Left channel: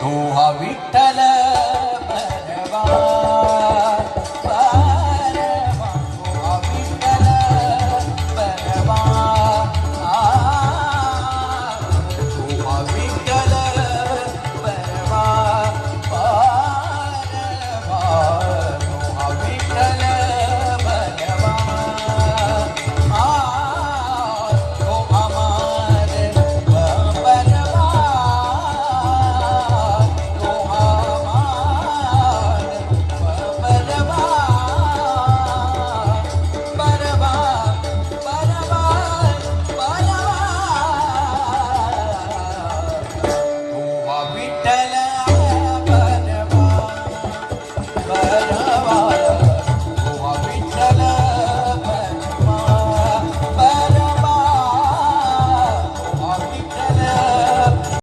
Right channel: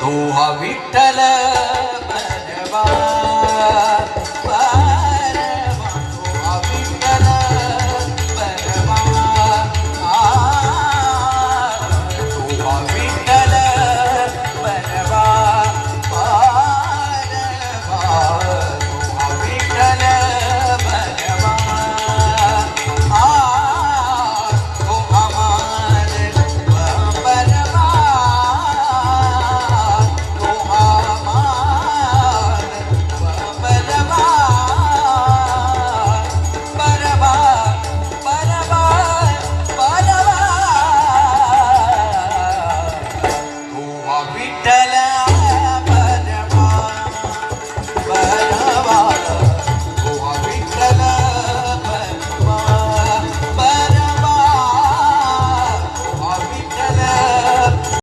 तो हा विठ्ठल